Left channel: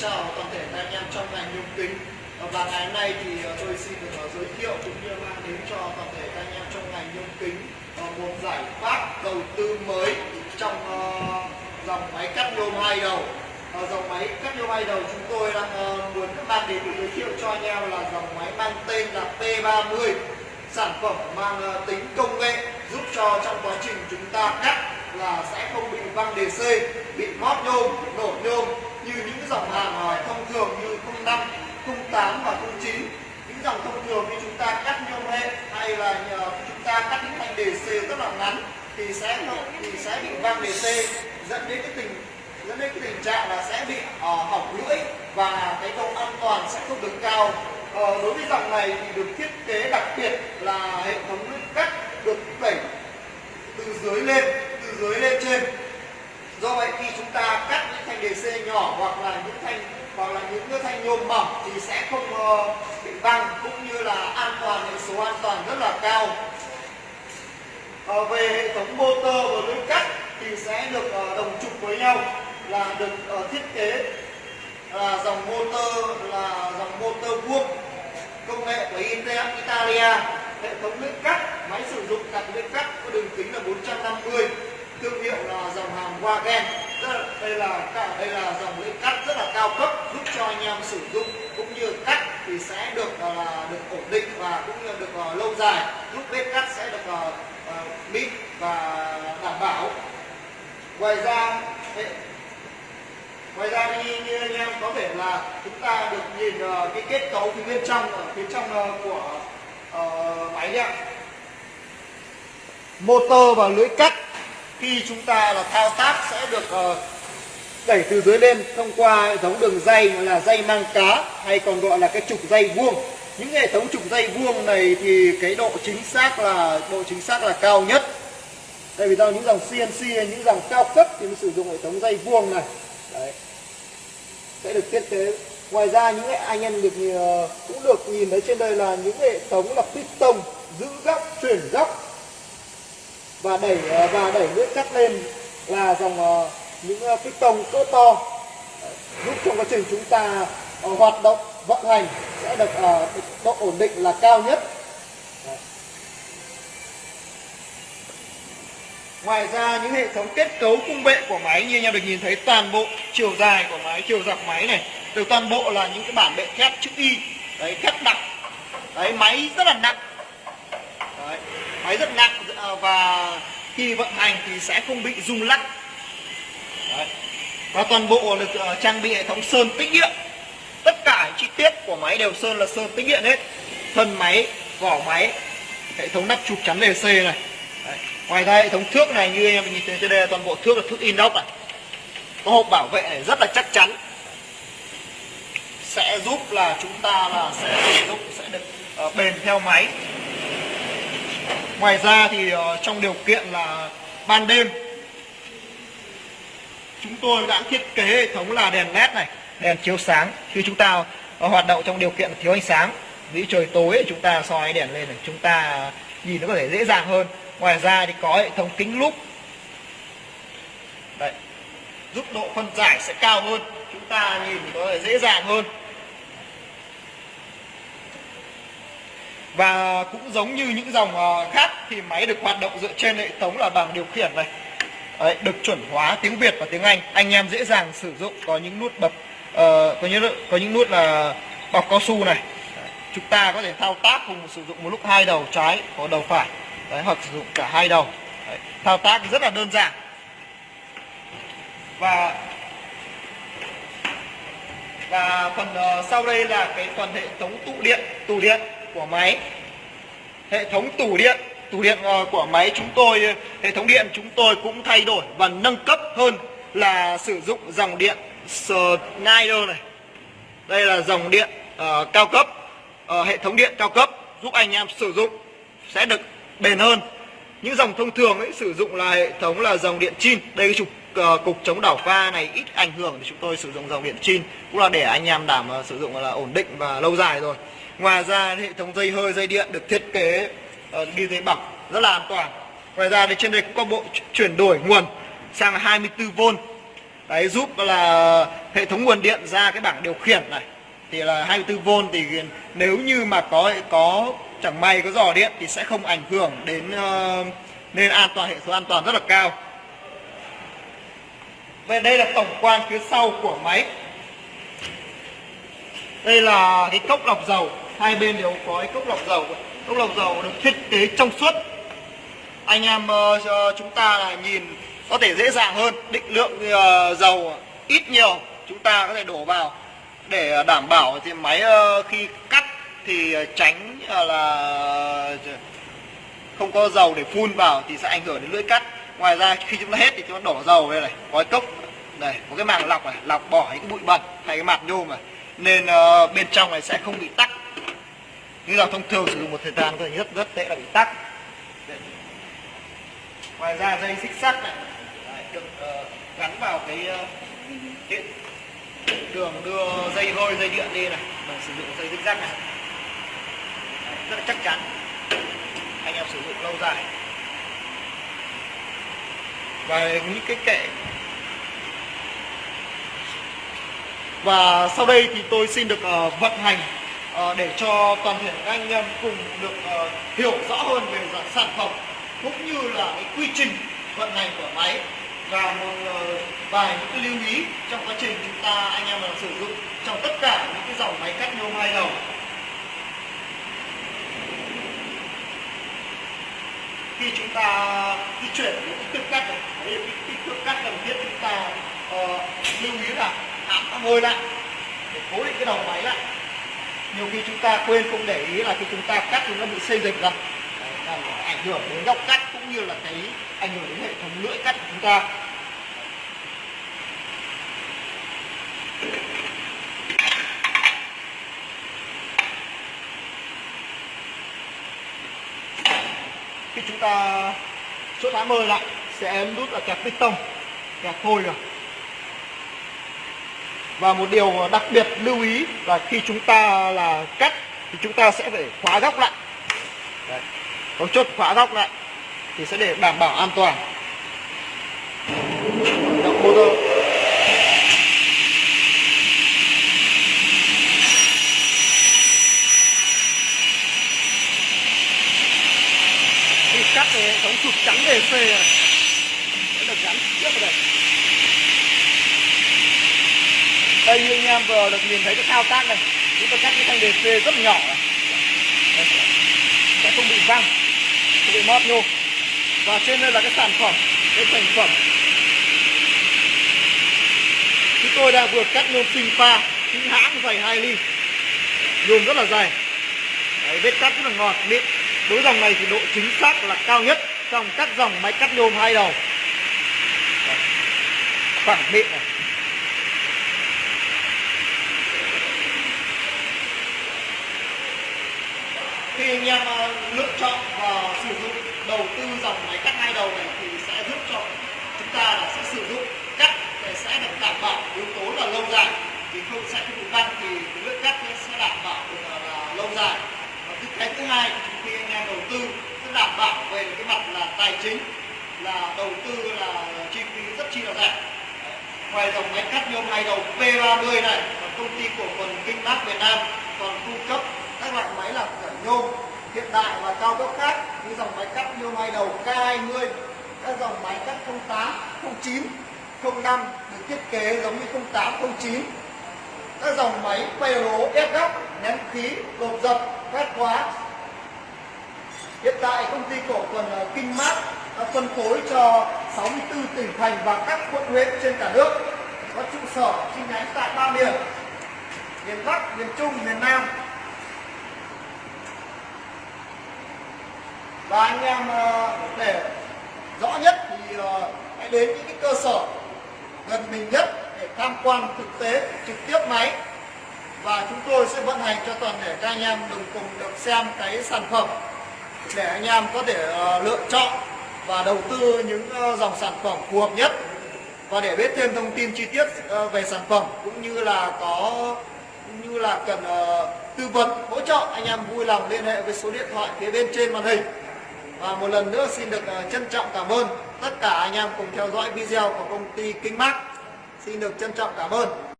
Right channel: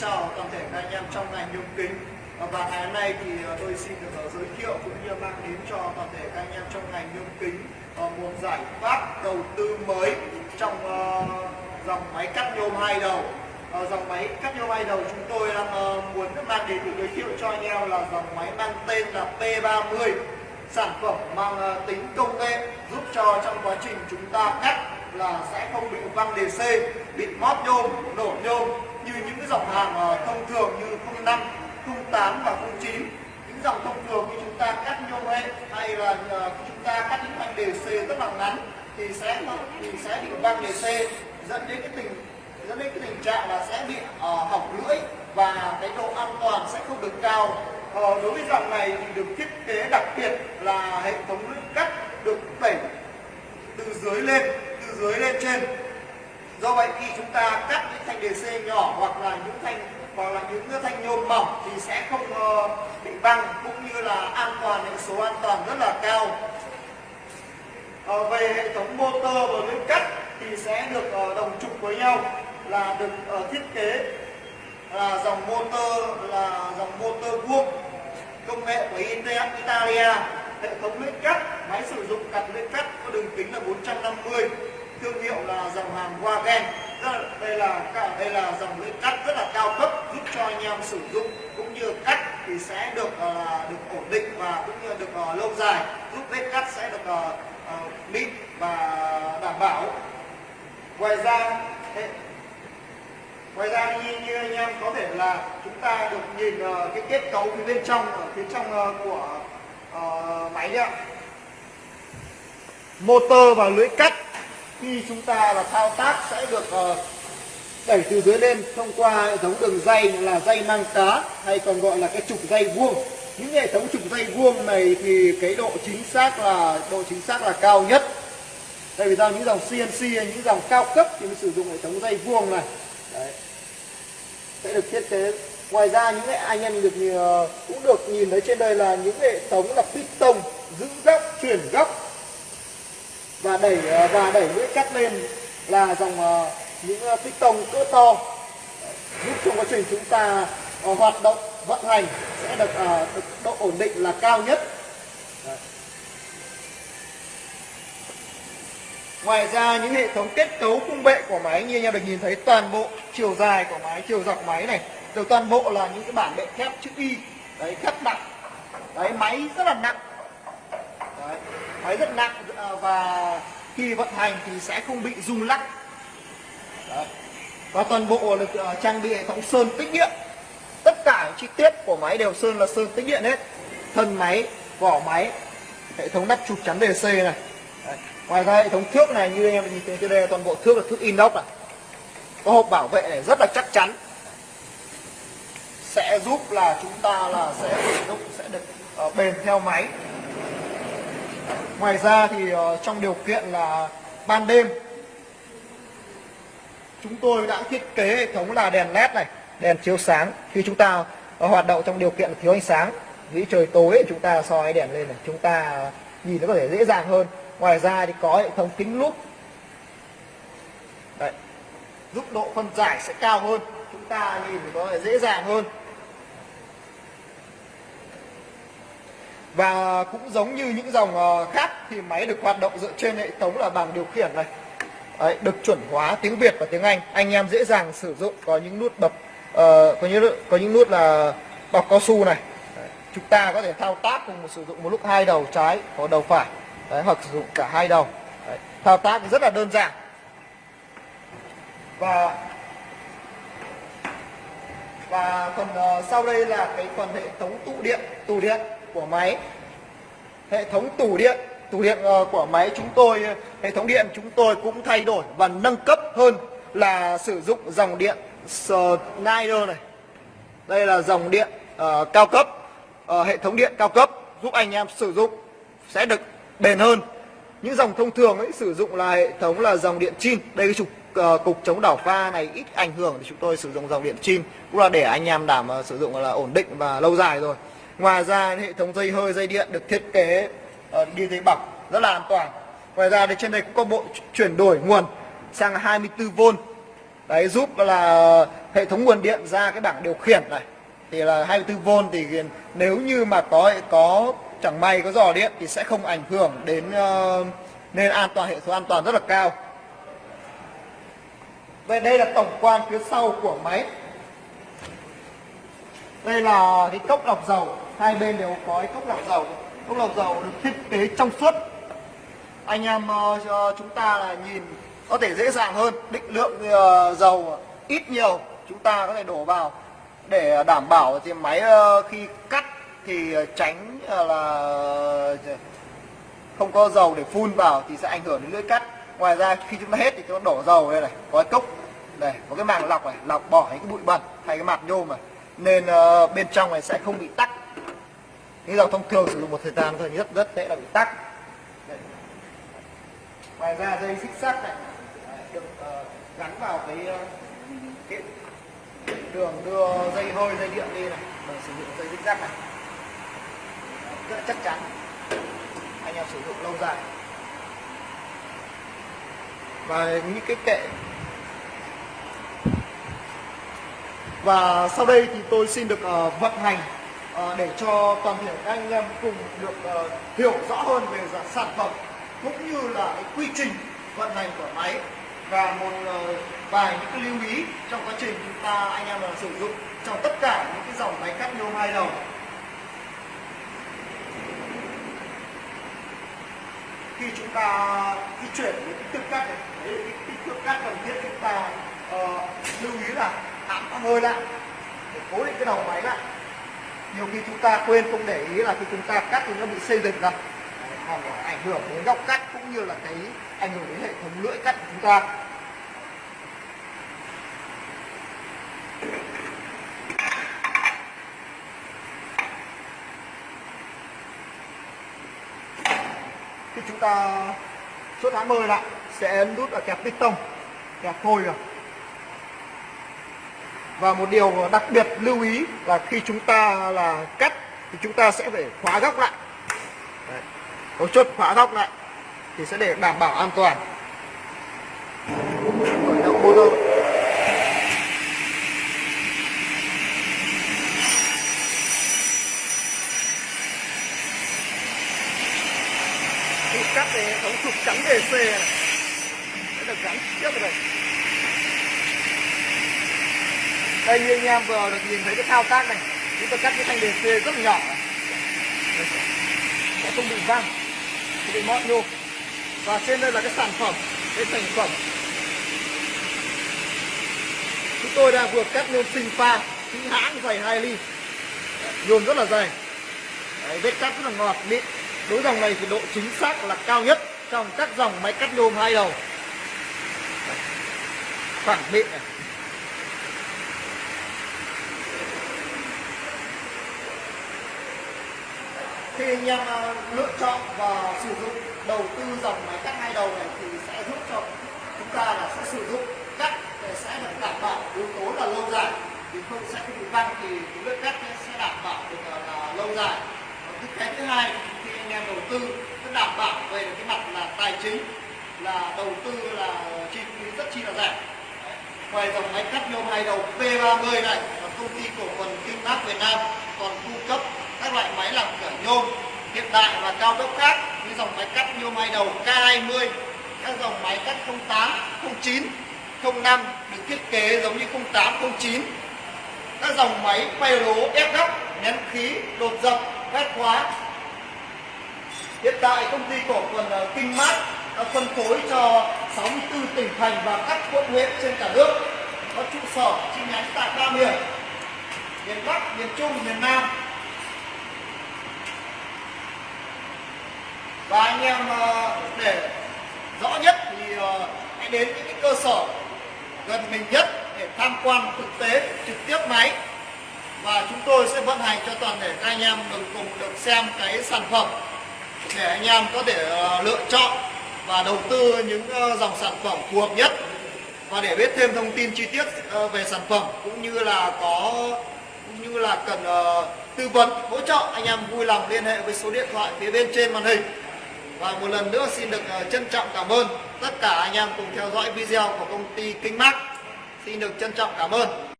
chào toàn thể các anh em trong ngành nhôm kính. Và ngày hôm nay thì tôi xin được giới thiệu cũng như mang đến cho toàn thể các anh em trong ngành nhôm kính một giải pháp đầu tư mới trong dòng máy cắt nhôm hai đầu. Dòng máy cắt nhôm hai đầu chúng tôi đang muốn mang đến để giới thiệu cho anh em là dòng máy mang tên là P30, sản phẩm mang tính công nghệ giúp cho trong quá trình chúng ta cắt là sẽ không bị văng DC, bị móp nhôm, nổ nhôm như những dòng hàng thông thường như 05, 08 và 09. Những dòng thông thường như chúng ta cắt nhôm hệ hay là chúng ta cắt những thanh DC rất là ngắn thì sẽ bị văng DC, dẫn đến cái tình trạng là sẽ bị hỏng lưỡi và cái độ an toàn sẽ không được cao. Đối với dòng này thì được thiết kế đặc biệt là hệ thống lưỡi cắt được đẩy từ dưới lên trên. Do vậy khi chúng ta cắt những thanh DC nhỏ hoặc là những thanh nhôm mỏng thì sẽ không bị văng, cũng như là an toàn, hệ số an toàn rất là cao. Về hệ thống motor và lưỡi cắt thì sẽ được đồng trục với nhau, là được thiết kế là dòng motor vuông công nghệ của Italia. Hệ thống lưỡi cắt, máy sử dụng cặp lưỡi cắt có đường kính là 450, thương hiệu là dòng hàng Wagen. Đây là dòng lưỡi cắt rất là cao cấp, giúp cho anh em sử dụng cũng như cắt thì sẽ được ổn định và cũng như được lâu dài, giúp vết cắt sẽ được mịn và đảm bảo. Ngoài ra như anh em có thể là chúng ta được nhìn cái kết cấu phía bên trong, ở phía trong của máy đấy ạ. Motor và lưỡi cắt khi chúng ta là thao tác sẽ được đẩy từ dưới lên thông qua hệ thống đường ray là ray mang cá, hay còn gọi là cái trục ray vuông. Những hệ thống trục ray vuông này thì cái độ chính xác là cao nhất. Đây vì ra những dòng CNC, những dòng cao cấp thì mới sử dụng hệ thống ray vuông này. Đấy, sẽ được thiết kế. Ngoài ra những anh em cũng được nhìn thấy trên đây là những hệ thống là piston giữ góc, chuyển góc và đẩy lưỡi cắt lên là dòng những piston cỡ to. Đấy, giúp trong quá trình chúng ta hoạt động vận hành sẽ được độ ổn định là cao nhất. Đấy. Ngoài ra những hệ thống kết cấu khung bệ của máy như anh em được nhìn thấy, toàn bộ chiều dài của máy, chiều dọc máy này đều toàn bộ là những cái bản bệ thép chữ Y. Đấy, thép nặng. Đấy, máy rất là nặng. Đấy, máy rất nặng và khi vận hành thì sẽ không bị rung lắc. Đấy. Và toàn bộ được trang bị hệ thống sơn tĩnh điện. Tất cả chi tiết của máy đều là sơn tĩnh điện hết. Thân máy, vỏ máy, hệ thống nắp chụp chắn DC này. Đấy. Ngoài ra hệ thống thước này như em nhìn thấy trên đây, toàn bộ thước là thước inox này. Có hộp bảo vệ này rất là chắc chắn, sẽ giúp là chúng ta sẽ được bền theo máy. Ngoài ra thì trong điều kiện là ban đêm, chúng tôi đã thiết kế hệ thống là đèn led này, đèn chiếu sáng khi chúng ta hoạt động trong điều kiện thiếu ánh sáng. Ví dụ trời tối chúng ta soi đèn lên này, chúng ta nhìn nó có thể dễ dàng hơn. Ngoài ra thì có hệ thống kính lúp. Đấy, giúp độ phân giải sẽ cao hơn, chúng ta nhìn thì có thể dễ dàng hơn. Và cũng giống như những dòng khác thì máy được hoạt động dựa trên hệ thống là bảng điều khiển này. Đấy, được chuẩn hóa tiếng Việt và tiếng Anh, anh em dễ dàng sử dụng. Có những nút bập, có những nút là bọc cao su này. Đấy, chúng ta có thể thao tác cùng sử dụng một lúc hai đầu trái hoặc đầu phải. Đấy, hoặc sử dụng cả hai đầu. Đấy, thao tác rất là đơn giản. Và phần sau đây là cái phần hệ thống tủ điện của máy. Hệ thống tủ điện của máy chúng tôi, hệ thống điện chúng tôi cũng thay đổi và nâng cấp hơn, là sử dụng dòng điện Schneider này. Đây là dòng điện cao cấp, hệ thống điện cao cấp giúp anh em sử dụng sẽ được bền hơn. Những dòng thông thường ấy sử dụng là hệ thống là dòng điện chin. Đây cái cục chống đảo pha này ít ảnh hưởng thì chúng tôi sử dụng dòng điện chin, cũng là để anh em đảm sử dụng là ổn định và lâu dài rồi. Ngoài ra hệ thống dây hơi, dây điện được thiết kế như thế bọc rất là an toàn. Ngoài ra thì trên đây cũng có bộ chuyển đổi nguồn sang 24V Đấy, giúp là hệ thống nguồn điện ra cái bảng điều khiển này thì là 24V, thì nếu như mà có chẳng may có rò điện thì sẽ không ảnh hưởng đến, nên an toàn, hệ số an toàn rất là cao. Vậy đây là tổng quan phía sau của máy. Đây là cái cốc lọc dầu, hai bên đều có cái cốc lọc dầu. Cốc lọc dầu được thiết kế trong suốt. Anh em chúng ta là nhìn có thể dễ dàng hơn, định lượng dầu ít nhiều chúng ta có thể đổ vào để đảm bảo thì máy khi cắt thì tránh là không có dầu để phun vào thì sẽ ảnh hưởng đến lưỡi cắt. Ngoài ra khi chúng ta hết thì chúng ta đổ dầu đây này, có cái cốc đây, có cái màng lọc này, lọc bỏ những cái bụi bẩn hay cái mặt nhôm này, nên bên trong này sẽ không bị tắc. Như là thông thường sử dụng một thời gian thì rất dễ là bị tắc. Ngoài ra dây xích sắt này được gắn vào cái đường đưa dây hơi, dây điện đi này, mình sử dụng dây xích sắt này rất chắc chắn, anh em sử dụng lâu dài. Và những cái kệ. Và sau đây thì tôi xin được vận hành để cho toàn thể các anh em cùng được hiểu rõ hơn về sản phẩm cũng như là cái quy trình vận hành của máy, và một vài những cái lưu ý trong quá trình chúng ta anh em là sử dụng trong tất cả những cái dòng máy cắt nhôm hai đầu. Khi chúng ta di chuyển những kích thước cắt này, cái kích thước cắt cần thiết chúng ta lưu ý là ám hơi lại để cố định cái đầu máy lại. Nhiều khi chúng ta quên không để ý là khi chúng ta cắt thì nó bị xây dựng ra, ảnh hưởng đến góc cắt cũng như là cái ảnh hưởng đến hệ thống lưỡi cắt của chúng ta. Khi chúng ta chốt ám hơi lại sẽ ấn nút ở kẹp piston, kẹp phôi rồi. Và một điều đặc biệt lưu ý là khi chúng ta là cắt thì chúng ta sẽ phải khóa góc lại. Đấy. Có chốt khóa góc lại thì sẽ để đảm bảo an toàn. Khi cắt thì hệ thống trục trắng DC này sẽ được gắn tiếp vào đây. Đây như anh em vừa được nhìn thấy cái thao tác này, chúng ta cắt cái thanh DC rất nhỏ này. Sẽ không bị văng, không bị mót nhôm. Và trên đây là cái sản phẩm, cái thành phẩm chúng tôi đang vừa cắt nhôm sinh pha chính hãng dày 2 ly, nhôm rất là dày. Đấy, vết cắt rất là ngọt mịn. Đối dòng này thì độ chính xác là cao nhất trong các dòng máy cắt nhôm hai đầu. Phẳng mịn này. Khi anh em lựa chọn và sử dụng đầu tư dòng máy cắt hai đầu này thì sẽ giúp cho chúng ta là sẽ sử dụng cắt để sẽ được đảm bảo yếu tố là lâu dài, thì không sẽ không bị văng, thì cái lưỡi cắt sẽ đảm bảo được là lâu dài. Cái thứ hai, khi anh em đầu tư sẽ đảm bảo về cái mặt là tài chính, là đầu tư là chi phí rất chi là rẻ. Ngoài dòng máy cắt nhôm hai đầu P30 này, công ty cổ phần Kinh-Max Việt Nam còn cung cấp các loại máy làm cửa nhôm hiện đại và cao cấp khác như dòng máy cắt nhôm hai đầu K20, các dòng máy cắt 08, 09, 05 được thiết kế giống như 08, 09, các dòng máy quay lố ép góc, nhấn khí, đột dập, ép khóa. Hiện tại công ty cổ phần Kinh-Max đã phân phối cho 64 tỉnh thành và các quận huyện trên cả nước, có trụ sở chi nhánh tại 3 miền: miền Bắc, miền Trung, miền Nam. Và anh em để rõ nhất thì hãy đến những cái cơ sở gần mình nhất để tham quan thực tế trực tiếp máy, và chúng tôi sẽ vận hành cho toàn thể các anh em cùng được xem cái sản phẩm để anh em có thể lựa chọn và đầu tư những dòng sản phẩm phù hợp nhất. Và để biết thêm thông tin chi tiết về sản phẩm cũng như là cần tư vấn hỗ trợ, anh em vui lòng liên hệ với số điện thoại phía bên trên màn hình. Và một lần nữa xin được trân trọng cảm ơn tất cả anh em cùng theo dõi video của công ty Kinh-Max. Xin được trân trọng cảm ơn.